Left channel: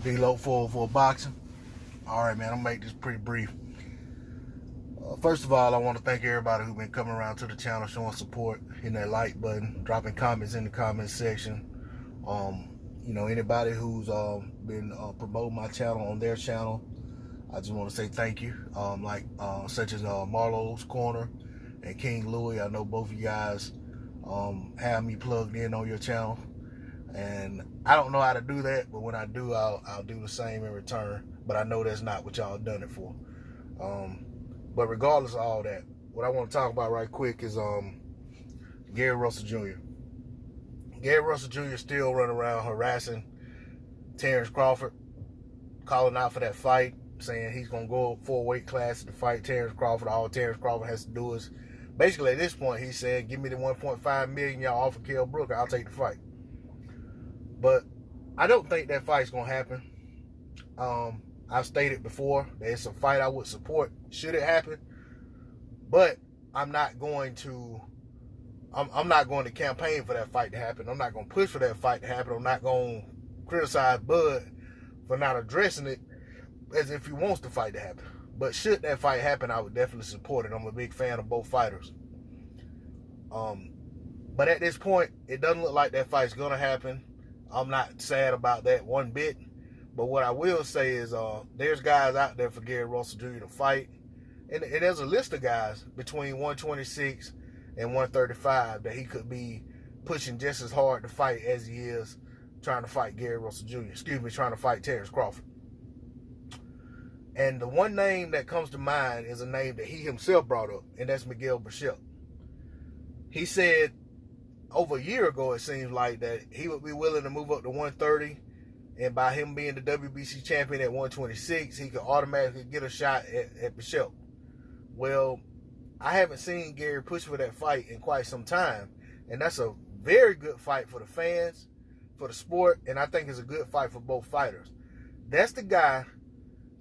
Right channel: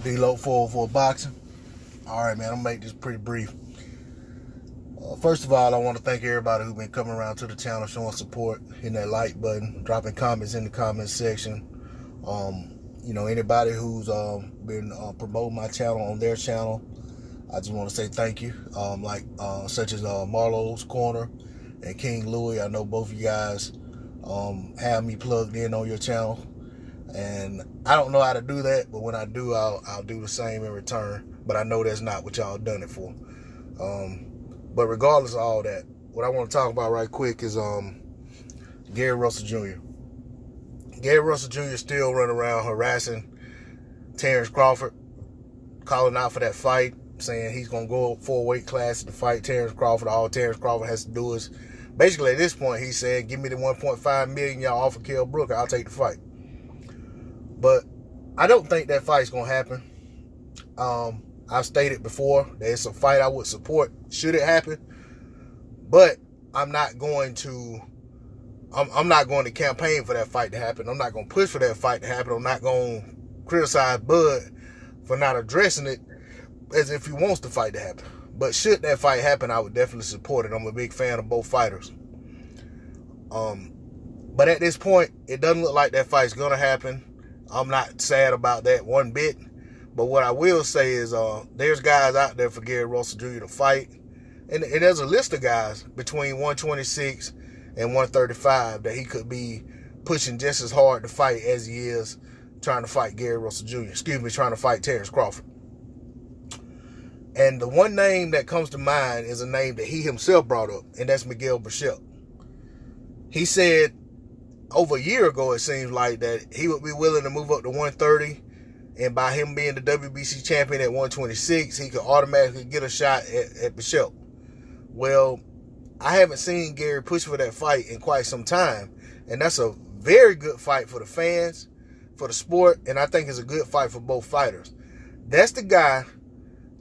D-Lo 404 Boxing. All right, man, I'm gonna make this pretty brief. First of all, I want to thank everybody who's been coming around to the channel, showing support, hitting that like button, dropping comments in the comment section. Anybody who's been promoting my channel on their channel, I just want to say thank you. Such as Marlowe's Corner and King Louis. I know both of you guys have me plugged in on your channel, and I don't know how to do that, but when I do, I'll do the same in return. But I know that's not what y'all done it for. But regardless of all that, what I want to talk about right quick is Gary Russell Jr. Gary Russell Jr. still running around harassing Terence Crawford, calling out for that fight, saying he's going to go up 4 weight classes to fight Terence Crawford. All Terence Crawford has to do is, basically at this point, he said, give me the $1.5 million y'all offer Kell Brooker, I'll take the fight. But I don't think that fight's going to happen. I've stated before that it's a fight I would support should it happen, but I'm not going to campaign for that fight to happen. I'm not going to push for that fight to happen. I'm not going to criticize Bud for not addressing it as if he wants the fight to happen. But should that fight happen, I would definitely support it. I'm a big fan of both fighters. But at this point, it doesn't look like that fight's going to happen. I'm not sad about that one bit. But what I will say is there's guys out there for Gary Russell Jr. to fight. And there's a list of guys between 126 and 135 that he could be pushing just as hard to fight as he is trying to fight Gary Russell Jr. Trying to fight Terence Crawford. And the one name that comes to mind is a name that he himself brought up, and that's Miguel Berchelt. He said over a year ago, it seems like, that he would be willing to move up to 130, and by him being the WBC champion at 126, he could automatically get a shot at Berchelt. Well, I haven't seen Gary push for that fight in quite some time, and that's a very good fight for the fans, for the sport, and I think it's a good fight for both fighters. That's the guy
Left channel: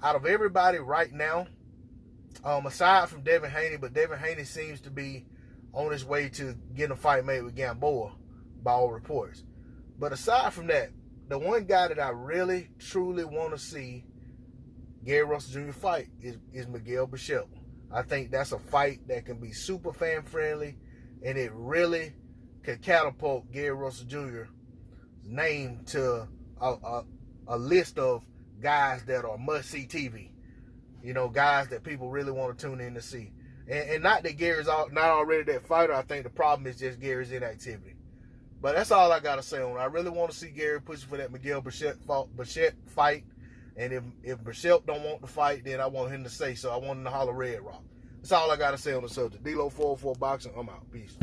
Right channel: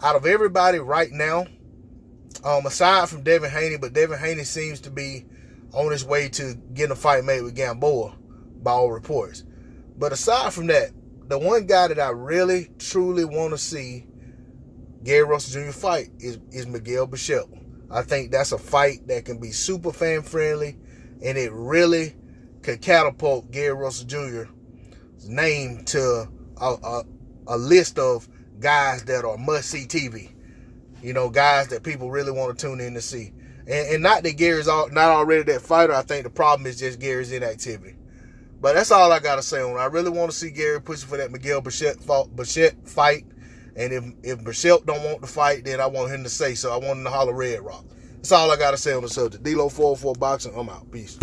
out of everybody right now, aside from Devin Haney, but Devin Haney seems to be on his way to getting a fight made with Gamboa, by all reports. But aside from that, the one guy that I really, truly want to see Gary Russell Jr. fight is Miguel Berchelt. I think that's a fight that can be super fan-friendly, and it really could catapult Gary Russell Jr.'s name to a list of guys that are must-see TV. You know, guys that people really want to tune in to see. And not that Gary's not already that fighter. I think the problem is just Gary's inactivity. But that's all I got to say on it. I really want to see Gary pushing for that Miguel Berchelt fight. And if Berchelt don't want to fight, then I want him to say so. I want him to holler Red Rock. That's all I got to say on the subject. D-Lo 404 Boxing, I'm out. Peace.